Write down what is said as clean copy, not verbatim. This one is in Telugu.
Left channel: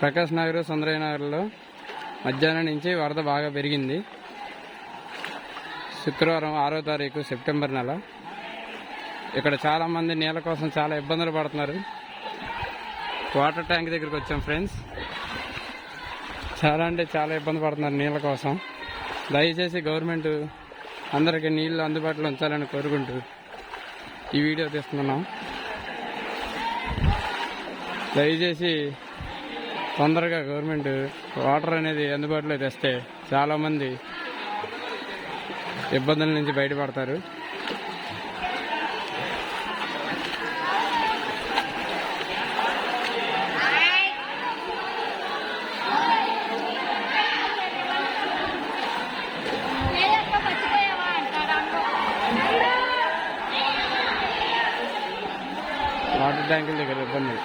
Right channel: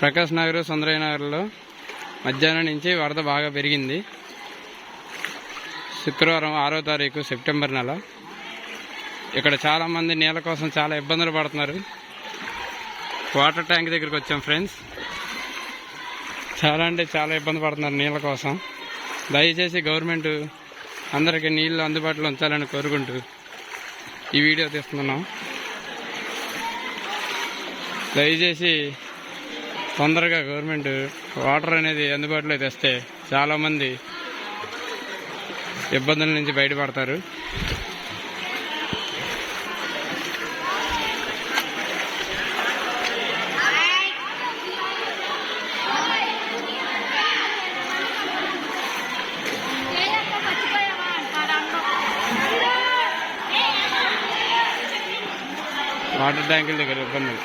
ప్రకాష్ నగర్, సుందరయ్య నగర్లో మధ్యాహ్నం నుంచి వరద బాగా పెరిగింది. శుక్రవారం 6వ తారీఖు సెప్టెంబర్ నెల. ఇక్కడ చాలామంది నీళ్ళ కోసం చాలా ఇబ్బందులు పడుతున్నారు. వాటర్ ట్యాంక్ దగ్గరికి వచ్చాం ఫ్రెండ్స్. చాలా అంటే చాలా ఇబ్బంది పడుతున్నారు నీళ్ళ కోసం. దయచేసి గవర్నమెంట్ అందరికీ నీళ్ళు అందుబాటులో ఉంచాలని కోరుకుంటూ ఈ వీడియో తీస్తున్నాం. దయచేసి తొందరగా గవర్నమెంట్ వాటర్ అనేది అందుబాటులో తెస్తే చాలామంది ఇబ్బందుల నుంచి బయటపడతారు. వాటర్ ట్యాంకుల దగ్గర ఇబ్బంది.